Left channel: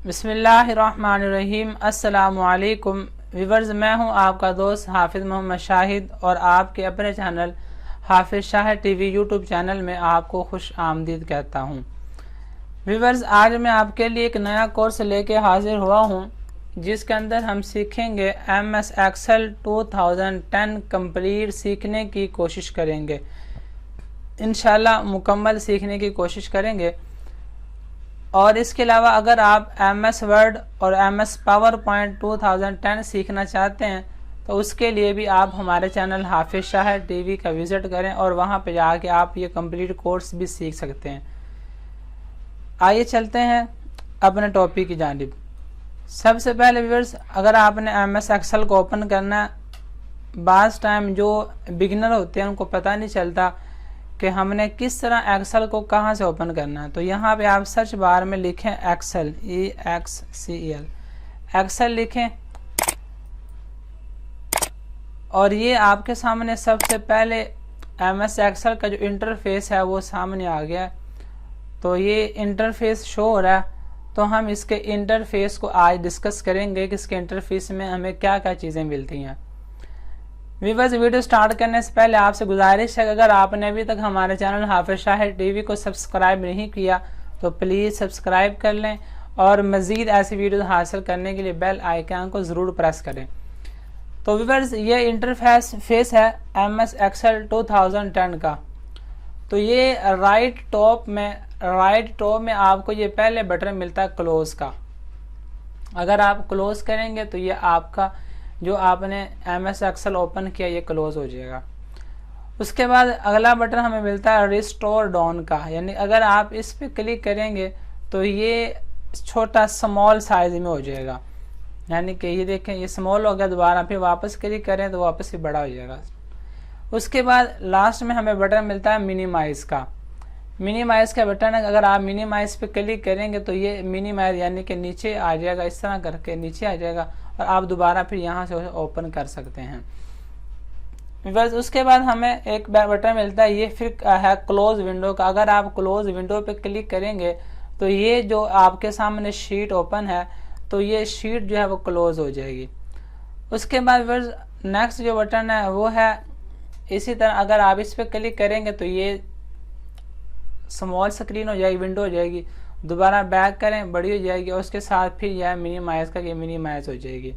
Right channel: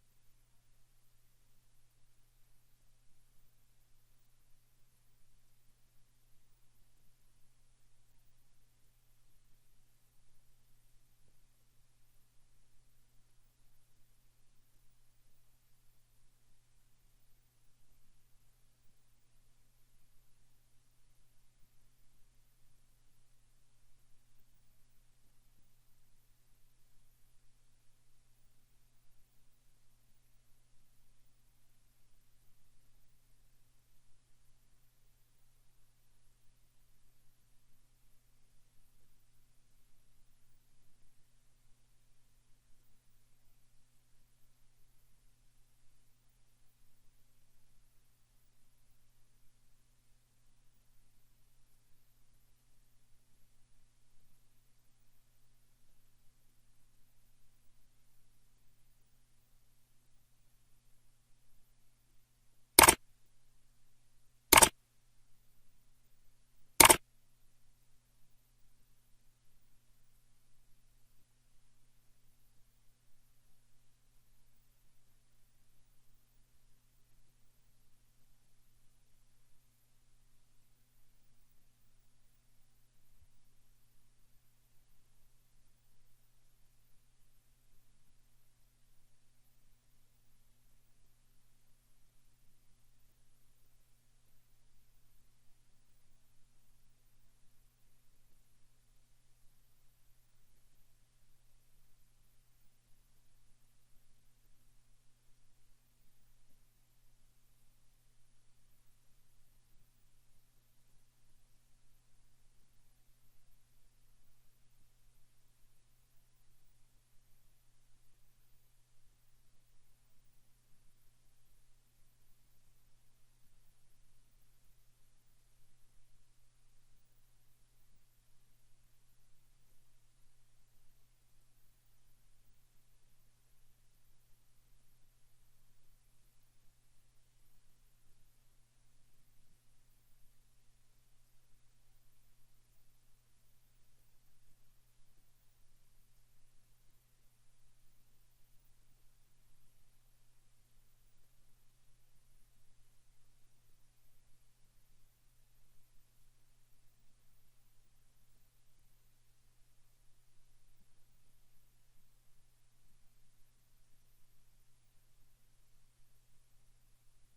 बिस्मिल्लाहिर्रहमानिर्रहीम। अस्सलामुअलैकुम व्यूअर्स, मैं हूं आपका दोस्त हाफिज़ मोहम्मद शाहिद और आपके अपने चैनल हाफिज़ शाहिद टीवी यूट्यूब चैनल में आपको खुश आमदीद कहता हूं। व्यूअर्स, आज मैं आपके लिए एक नया कोर्स लेके हाजिर हुआ हूं जिसके अंदर हम सीखेंगे MS एक्सेल 2010 कंप्लीट सीखने की कोशिश करेंगे। इंशाल्लाह मुकम्मल सीखने की कोशिश करेंगे। और इसके अलावा अगर आप MS वर्ड और MS पावर पॉइंट 2010 सीखना चाहते हैं तो उसके लिए भी आप हमारे चैनल हाफिज़ शाहिद टीवी का विज़िट करें और वहां पर जाके आप ये कंप्लीट कोर्स भी सीख सकते हैं। आइए चलते हैं अपने टॉपिक की जानिब। सबसे पहले व्यूअर्स, अगर आपने MS एक्सेल को ओपन करना, बाज़ टाइम जो बिगिनर होते हैं उनको पता नहीं चलता कि हमने किस तरह एक्सेल को कहां से ओपन करना है। तो यहाँ पे आप सर्च बार में लिखें एक्सेल, EXCEL, एक्सेल लिखें और ये आपके सामने सबसे पहले MS एक्सेल का जो इंटरफेस है वो सामने आ गया। तो ये इंटरफेस शो हो रहा है। तो हम इसके इंटरफेस को आज डिस्कस करेंगे कि इसके इंटरफेस में हमें क्या क्या चीज़ें मिलती हैं। व्यूअर्स, वीडियो स्टार्ट करने से पहले आपसे गुजारिश है कि अगर आपने अभी तक हमारे चैनल हाफिज़ शाहिद टीवी को सब्सक्राइब नहीं किया तो प्लीज़ सब्सक्राइब कर लें और मज़ीद ऐसी वीडियो हासिल करने के लिए बेल आइकन को ज़रूर प्रेस करें। तो व्यूअर्स, ये इंटरफेस है MS एक्सेल 2010 का। तो ये राइट टॉप में आपको ये पहले बटन मिलता है क्लोज का। अगर आप क्लोज करेंगे तो ये आपका जो आपने MS एक्सेल ओपन किया ये क्लोज हो जाएगा। उसके बाद अगला बटन हमें मिलता है रिस्टोर डाउन का, यानी अगर आप इस पे क्लिक करेंगे तो ये छोटा स्मॉल साइज में हो जाएगा। यानी कि ये देखें, ये स्मॉल हो गया, दोबारा फिर वापस क्लिक करें तो वापस ही बड़ा हो जाएगा। उसके बाद लास्ट में हमें बटन मिलता है मिनिमाइज का। मिनिमाइज का बटन है, अगर आप मिनिमाइज पे क्लिक करेंगे तो ये मिनिमाइज यानी कि नीचे आ जाएगा, इस तरह करके नीचे आ जाएगा और आप दोबारा फिर यहाँ से ओपन कर सकते हैं। बस उसके बाद हमें एक बटन मिलता है, ये फिर है क्लोज विंडो का। अगर आप क्लोज विंडो पे क्लिक करेंगे तो ये जो आपके सामने शीट ओपन है तो ये शीट जो है वो क्लोज हो जाएगी। उसके बाद बस नेक्स्ट जो बटन है वो है इसी तरह, अगर आप इस पर क्लिक करेंगे तो ये स्मॉल स्क्रीन हो जाएगी, विंडो हो जाएगी, दोबारा बैक करें बड़ी हो जाएगी और उसके साथ फिर यह मिनिमाइज का, ये मिनिमाइज हो जाएगी।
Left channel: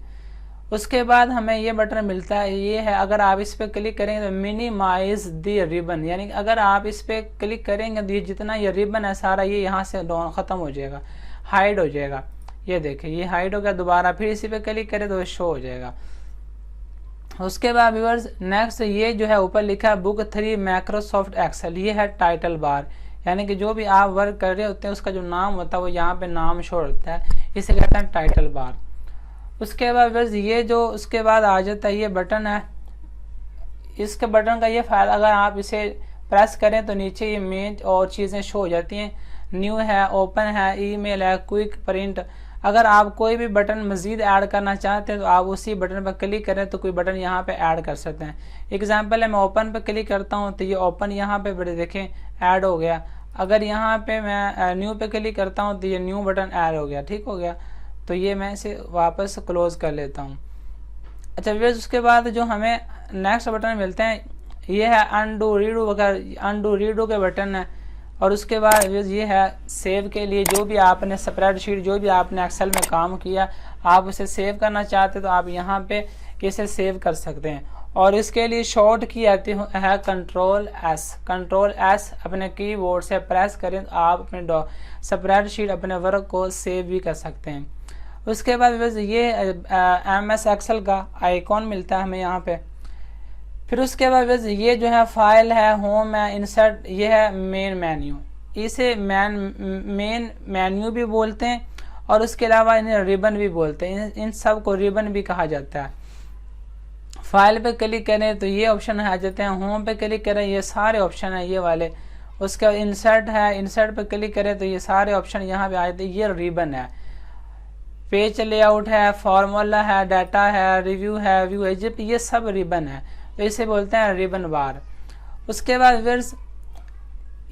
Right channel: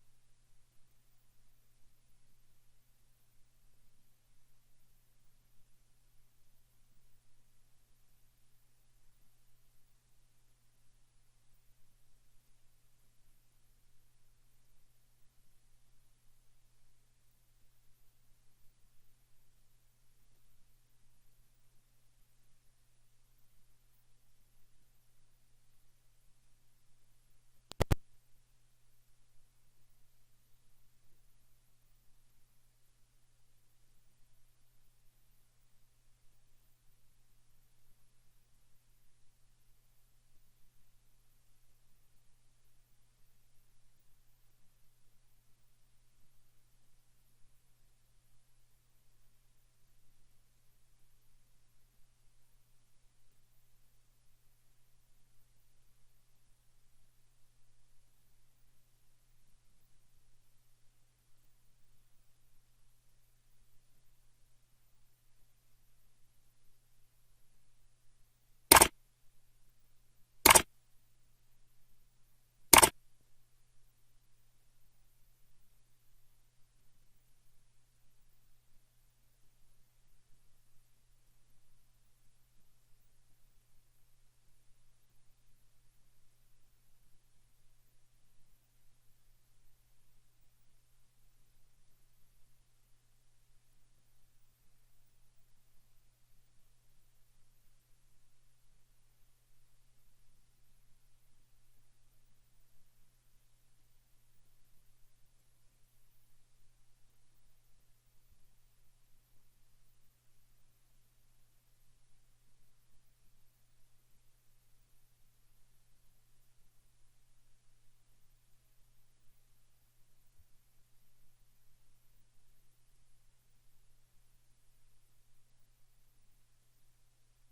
उसके बाद हमें ये बटन मिलता है, ये है, अगर आप इस पर क्लिक करेंगे तो मिनिमाइज द रिबन, यानी अगर आप इस पर क्लिक करेंगे तो ये जितना ये रिबन है सारा ये यहाँ से ख़त्म हो जाएगा, हाइड हो जाएगा। ये देखें, ये हाइड हो गया, दोबारा फिर इसी पे क्लिक करें तो शो हो जाएगा। उसके बाद व्यूअर्स नेक्स्ट ये जो है ऊपर लिखा है बुक 3 माइक्रोसॉफ्ट एक्सेल, ये है टाइटल बार, यानी कि जो भी आप वर्क कर रहे होते हैं उसका जो नाम होता है वो यहाँ पे नाम शो होता है, इसे कहते हैं टाइटल बार। उसके बाद बस ये जो उसके बाद आ जाता है ये बटन है। इसके बटन का ये फायदा, अगर आप इसे प्रेस करें तो नीचे ये मेन और चीज़ें शो हो जाती हैं। न्यू है, ओपन है, ईमेल है, क्विक प्रिंट। अगर आप कोई भी बटन मज़ीद ऐड करना चाहते हैं तो आप उसी बटन पर क्लिक करें तो कोई बटन यहाँ पे ऐड कर सकते हैं। एग्जांपल है, मैं ओपन पे क्लिक करता हूँ तो ये ओपन यहाँ पे बड़े देखें ऐड हो गया। अगर यहाँ पे मैं न्यू पे क्लिक करता हूँ तो ये न्यू बटन ऐड हो गया, ठीक हो गया। तो ये मैं इसे वापस क्लोज कर लेता हूँ। अच्छा व्यूअर्स, उसके बाद जो हमें नेक्स्ट बटन मिलते हैं ये है अनडू रीडू वगैरह, अनडू रीडू के बटन है। और उसके बाद ये है सेव के लिए, जो भी आपने स्प्रेडशीट, जो भी आपने एक्सेल में काम किया आप उसे सेव करना चाहते तो आप यहाँ पे इसे सेव कर सकते हैं। और इसके लिए शॉर्ट की आती है कंट्रोल एस, अपने कीबोर्ड से प्रेस करें तो आप अपने स्प्रेडशीट अपने वर्क को सेव भी कर सकते हैं। उसके बाद बस ये MS एक्सेल का आइकॉन मिलता है हमें यहाँ पे। फिर उसके बाद बस ये जो है फाइल है, होम है, इंसर्ट, ये है मेन मेन्यू। इसे मेन मेन्यू भी बोलते हैं और उसके अलावा इन्हें रिबन भी बोलते हैं। इन सब को रिबन भी कहा जाता है। फाइल पे क्लिक करें तो ये ऑप्शन आ जाते हैं, होम पे क्लिक करें ये सारे ऑप्शन है ये वाले। उसके बाद इंसर्ट है, इंसर्ट पे क्लिक करें तो ये सारे ऑप्शन यहाँ पे आ जाते हैं, ये रिबन है। पेज लेआउट है, फॉर्मूला है, डाटा है, रिव्यू है, व्यू है, ये सब रिबन है, तो इसे बोलते हैं रिबन बार। उसके बाद व्यूअर्स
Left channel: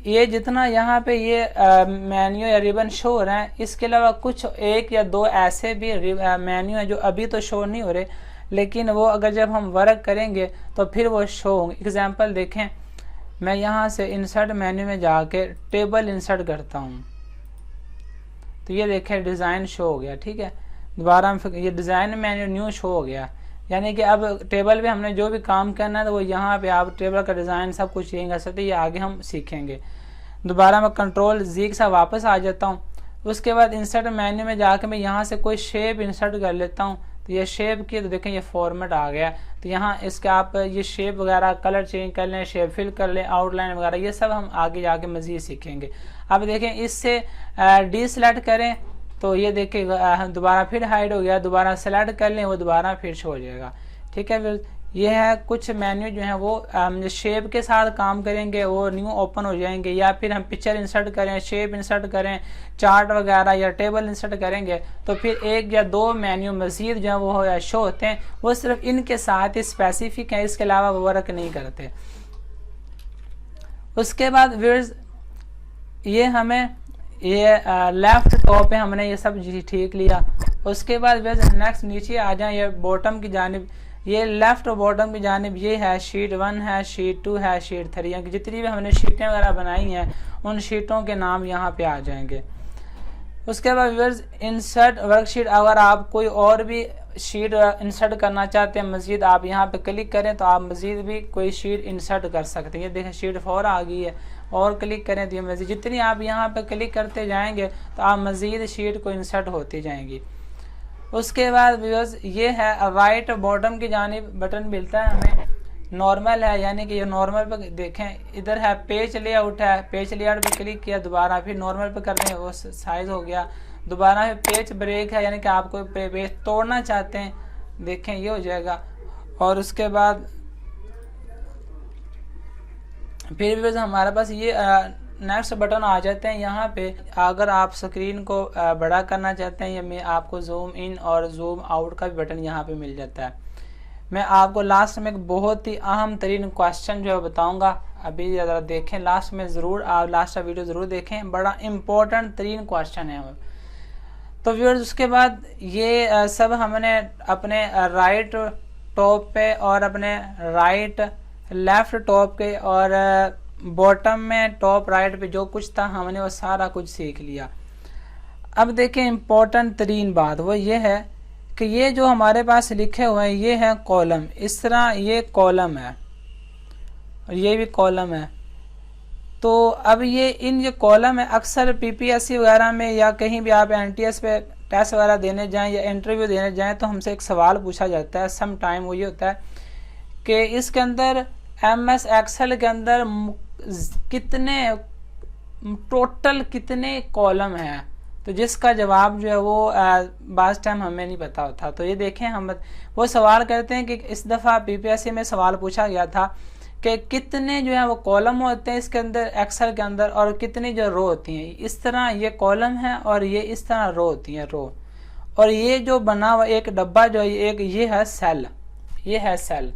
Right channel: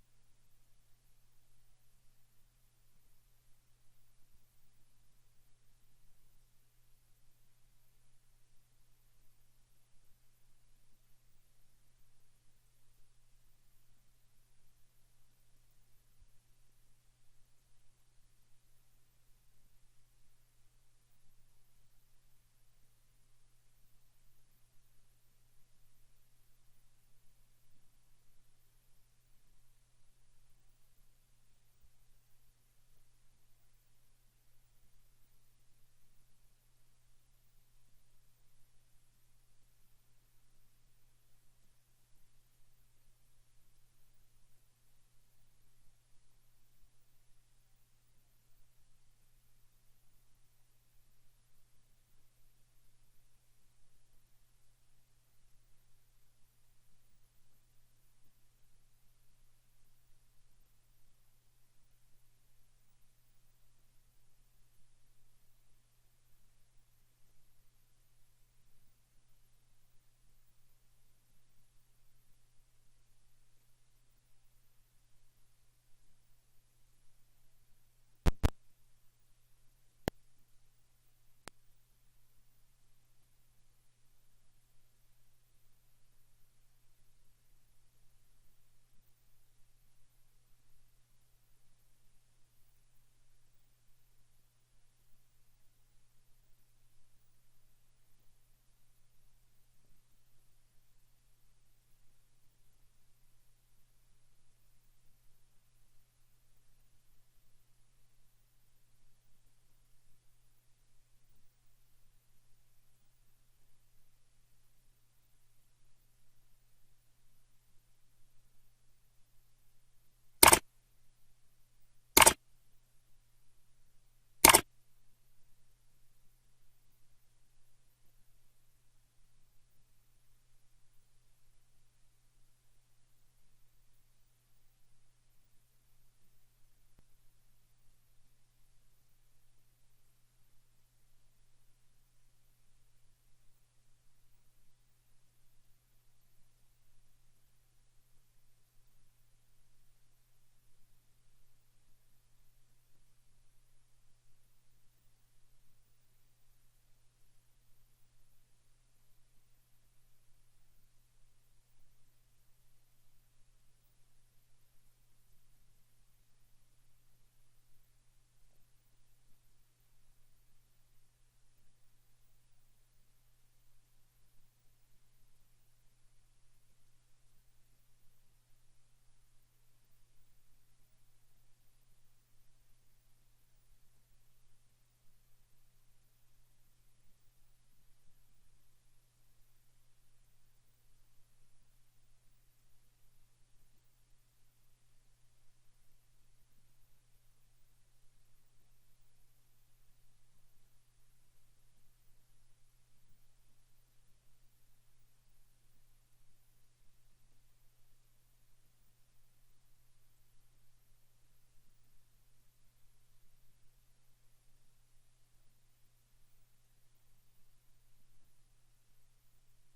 ये जितना यहाँ पे ये मेन्यू या रिबन शो हो रहा है, इसके अलावा कुछ एक या दो ऐसे भी मेन्यू है जो अभी तो शो नहीं हो रहे, लेकिन वो अगर जब हम वर्क करेंगे तो फिर वो शो होंगे। एग्जांपल देखें, मैं यहाँ से इंसर्ट मेन्यू में जाके टेबल इंसर्ट करता हूँ, तो ये देखें डिज़ाइन शो हो गया। ठीक है, दोबारा ये डिज़ाइन मेन्यू न्यू शो हो गया, यानी कि अब टेबल पे हमने जो भी काम करना है तो वो यहाँ पे आप टेबल का डिज़ाइन सब कुछ यही कर सकते हैं। ये आगे हम सीखेंगे। दोबारा मैं कंट्रोल जी के साथ वापस आ जाता हूँ। उसके बाद इंसर्ट मेन्यू में जाकर मैं यहाँ से कोई शेप इंसर्ट कर लेता हूँ, तो ये शेप की तो देखें ये फॉर्मेट आ गया। तो यहाँ इसके आप ये शेप वगैरह कलर चेंज कर लें, शेप फिल कर लें, आउटलाइन वगैरह, ये सब हम आगे जाके मज़ीद सीखेंगे। अब देखें इससे डी सेलेक्ट करें तो ये देखिए दोबारा फिर हाइड हो गया, दोबारा सेलेक्ट कर लें वो दोबारा फिर शो हो जाएगा। ठीक है, फिर ये है कुछ मेन्यू जो है वो शेप के साथ काम करेंगे, वो न्यू ओपन हो जाएंगे, या फिर हम पिक्चर इंसर्ट करें, शेप इंसर्ट करें, चार्ट वगैरह या टेबल इंसर्ट करेंगे तो फिर एक या दो मेन्यू मजीद जो है वो शो होते हैं। वो सिर्फ इनके साथ ही स्पेसिफिक है, इसके अलावा वो वर्क नहीं करते। उसके बाद व्यूअर्स ये हमें ये लेफ्ट टॉप पे हमने ये सब ठीक लिया। उसके बाद नेक्स्ट नीचे आ जाए, ये बॉटम की जानिब, ये लेफ्ट और बॉटम की जानिब ये है शीट 1 है, शीट 2 है, शीट 3 है। जितनी भी हमने शीटें वगैरह बनाई हैं उन शीटों के नाम यहाँ पे आ जाएंगे। उसके बाद व्यूअर्स इंसर्ट वर्कशीट, अगर आप कोई और भी शीट इंसर्ट करना चाहते हैं मजीद, आप यहाँ पे क्लिक करें तो आप मजीद भी कोई शीट इंसर्ट कर सकते हैं। ये देखें शीट 4 आ गई है, और क्लिक करें तो ये मजीद जितनी आप यहाँ पे क्लिक करते जाएंगे तो आप मजीद शीट को इंसर्ट होती जाएंगी। उसके बाद व्यूअर्स ये है राइट बॉटम की जानिब बटन मिलता है हमें, नॉर्मल है, यानी कि ये नॉर्मल पे देखें, इधर है पेज लेआउट है, पेज लेआउट पे क्लिक किया, दोबारा फिर नॉर्मल पे कर दें वो साइज हो गया। दोबारा पेज ब्रेक है, यानी कि आप कोई पेज तोड़ना चाहते हैं, देखें ये हो जाएगा। और उसके बाद फिर भी हमारे पास ये नेक्स्ट बटन आ जाते हैं। यहाँ पे अगर आप स्क्रीन को बड़ा करना चाहते हैं, या मैं आपको जूम इन और जूम आउट का भी बटन यहाँ पे मिल जाता है। मैं आपको लास्ट में एक बहुत ही अहम तरीन क्वेश्चन जो है बताऊँगा, अभी ज़रा देखें लास्ट में, ज़रूर आप लास्ट का वीडियो ज़रूर देखें, बड़ा इम्पोर्टेंट तरीन क्वेश्चन है। तो व्यूअर्स उसके बाद ये सब हमने अपने राइट टॉप पे और अपने राइट लेफ्ट टॉप के और बॉटम में टॉप राइट पे जो कुछ था हमने वो सारा कुछ सीख लिया। अब देखें इम्पोर्टेंट तरीन बात वो ये है कि ये जो हमारे पास लिखे हुए हैं ये है कॉलम, इस तरह ये कॉलम है और ये भी कॉलम है। तो अब ये कॉलम है, अक्सर पीपीएससी वगैरह में या कहीं भी आप एनटीएस पे टेस्ट वगैरह देने जाएं या इंटरव्यू देने जाएं तो हमसे एक सवाल पूछा जाता है सम टाइम, वो ये होता है कि इसके अंदर एमएस एक्सेल के अंदर कितने टोटल कितने कॉलम हैं, तो जिसका जवाब जो है वो बास टाइम हमें नहीं पता होता। तो ये देखें हम वो सवाल करते हैं कि इस दफ़ा पीपीएससी में सवाल पूछा गया था कि कितने जो है वो कॉलम होते हैं इसके अंदर एक्सेल के अंदर और कितनी जो रो होती हैं। इस तरह ये कॉलम है और ये इस तरह रो होती हैं, रो। और ये जो बना हुआ एक डब्बा जो है एक ये है सेल, ये है सेल,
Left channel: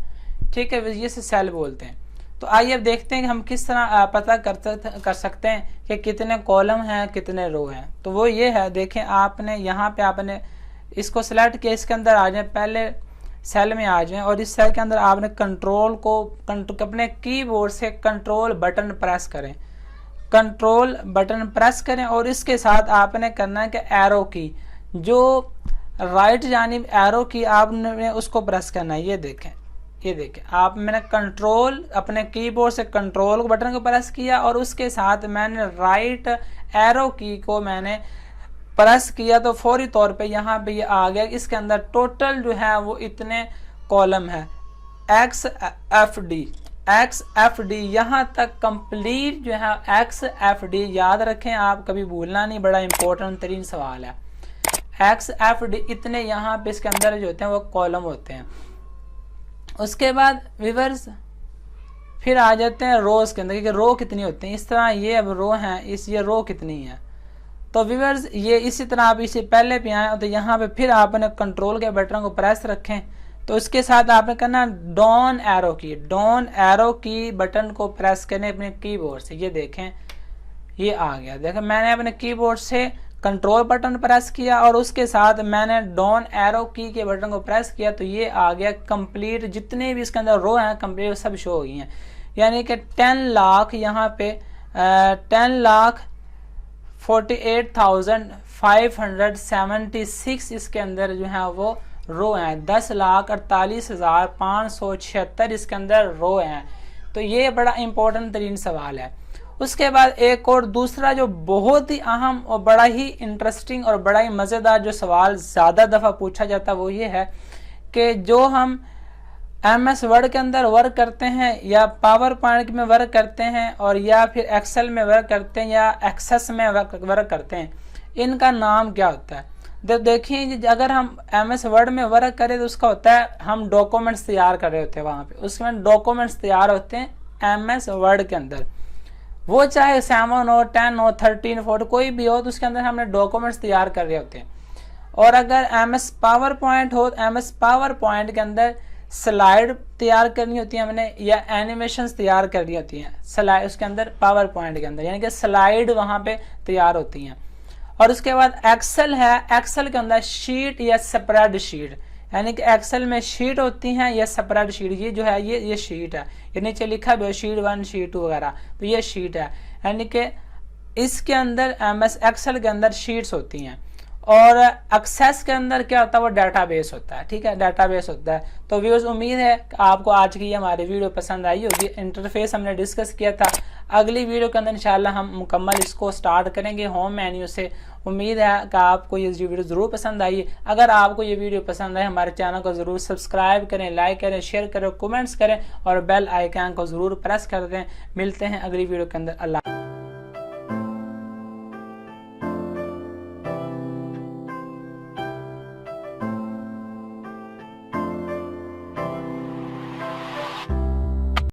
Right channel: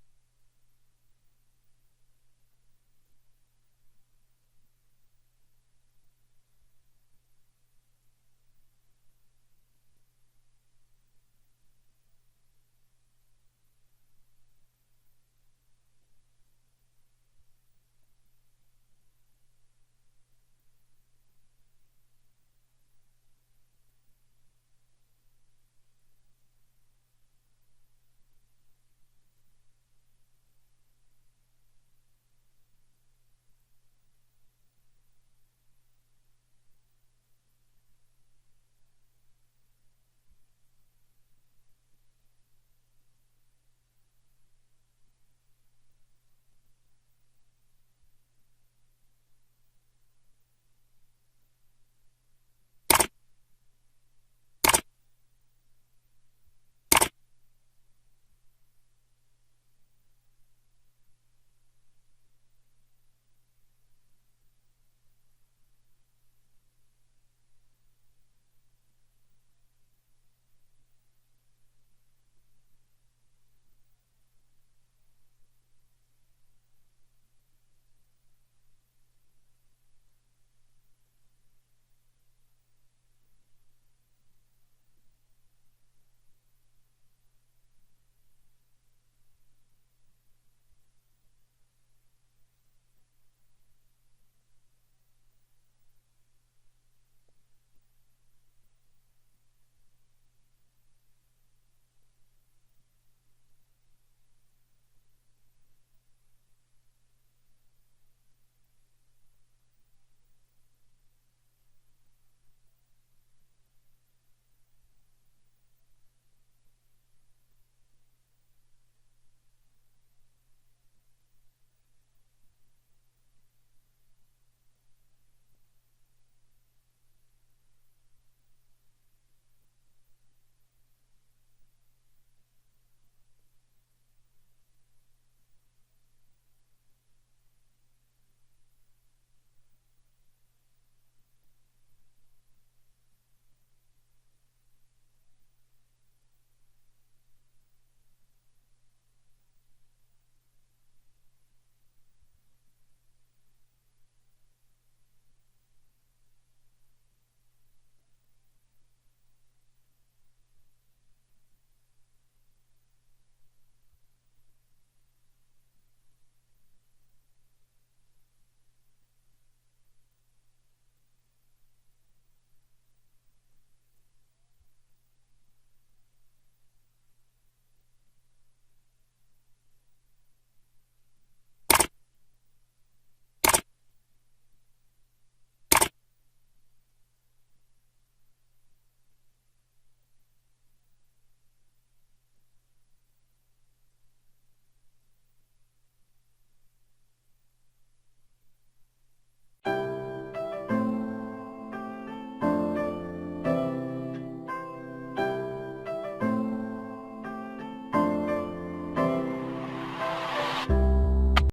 ठीक है, ये से सेल बोलते हैं। तो आइए अब देखते हैं कि हम किस तरह पता कर सकते हैं कि कितने कॉलम हैं कितने रो हैं। तो वो ये है, देखें आपने यहाँ पे आपने इसको सेलेक्ट किया, इसके अंदर आ जाए, पहले सेल में आ जाएं और इस सेल के अंदर आपने कंट्रोल को अपने कीबोर्ड से कंट्रोल बटन प्रेस करें, कंट्रोल बटन प्रेस करें और इसके साथ आपने करना है कि एरो की जो राइट जानिब एरो की आपने उसको प्रेस करना है। ये देखें, ये देखें आप, मैंने कंट्रोल अपने कीबोर्ड से कंट्रोल बटन को प्रेस किया और उसके साथ मैंने राइट एरो की को मैंने प्रेस किया तो फौरी तौर पे यहाँ पे ये आ गया। इसके अंदर टोटल जो है वो इतने कॉलम है, XFD यहाँ तक कंप्लीट जो है XFD याद रखें आप, कभी भूलना नहीं, बड़ा इंपॉर्टेंट तरीन सवाल है। XFD इतने यहाँ पे इसके अंदर जो होते हैं वो कॉलम होते हैं। उसके बाद व्यूअर्स फिर आ जाते हैं रोज के अंदर कि रो कितनी होती हैं। इस तरह ये अब रो हैं, ये रो कितनी है। तो व्यूअर्स ये इसी तरह आप इसे पहले पे आए तो यहाँ पे फिर आपने कंट्रोल के बटन को प्रेस रखें तो उसके साथ आपने करना डाउन एरो की बटन को प्रेस करें अपने कीबोर्ड से। ये देखें ये आ गया। देखो मैंने अपने कीबोर्ड से कंट्रोल बटन प्रेस किया और उसके साथ मैंने डाउन एरो की के बटन को प्रेस किया तो ये आ गया कंप्लीट। जितने भी इसके अंदर रो हैं कंप्लीट सब शो हो गई हैं। यानी कि 10 लाख यहाँ पे 10,48,576 इसके अंदर जो है वो रो हैं। 10,48,576 इसके अंदर रो हैं। तो ये बड़ा इंपॉर्टेंट तरीन सवाल है। उसके बाद एक और दूसरा जो बहुत ही अहम और बड़ा ही इंटरेस्टिंग और बड़ा ही मज़ेदार जो सवाल ज़्यादा दफ़ा पूछा जाता है वो ये है कि जो हम MS वर्ड के अंदर वर्क करते हैं या पावर पॉइंट में वर्क करते हैं और या फिर एक्सेल में वर्क करते हैं या एक्सेस में वर्क करते हैं, इनका नाम क्या होता है। देखिए अगर हम MS वर्ड में वर्क करें तो उसका होता है हम डॉक्यूमेंट्स तैयार कर रहे होते हैं, वहाँ पे उसमें डॉक्यूमेंट्स तैयार होते हैं MS वर्ड के अंदर। वो चाहे 7 हो 10 हो 13 14 कोई भी हो तो उसके अंदर हमने डॉक्यूमेंट्स तैयार कर रहे होते हैं। और अगर MS पावर पॉइंट हो तो MS पावर पॉइंट के अंदर स्लाइड तैयार करनी होती है हमने या एनिमेशंस तैयार करनी होती हैं स्लाइड उसके अंदर पावर पॉइंट के अंदर, यानी कि स्लाइड वहाँ पे तैयार होती हैं। और उसके बाद एक्सेल है, एक्सेल के अंदर शीट या स्प्रेड शीट, यानी कि एक्सेल में शीट होती हैं या स्प्रेड शीट। ये जो है ये शीट है, ये नीचे लिखा भी है शीट 1 शीट 2 वगैरह, तो ये शीट है। यानी कि इसके अंदर MS एक्सेल के अंदर शीट्स होती हैं। और एक्सेस के अंदर क्या होता है वो डाटाबेस होता है, ठीक है, डाटाबेस होता है। तो व्यूअर्स उम्मीद है कि आपको आज की हमारी वीडियो पसंद आई होगी। इंटरफेस हमने डिस्कस किया था, अगली वीडियो के अंदर इंशाल्लाह हम मुकम्मल इसको स्टार्ट करेंगे होम मेन्यू से। उम्मीद है कि आपको ये वीडियो ज़रूर पसंद आई। अगर आपको ये वीडियो पसंद आए हमारे चैनल को ज़रूर सब्सक्राइब करें, लाइक करें, शेयर करें, कमेंट्स करें और बेल आइकन को ज़रूर प्रेस कर दें। मिलते हैं अगली वीडियो के अंदर। अल्लाह।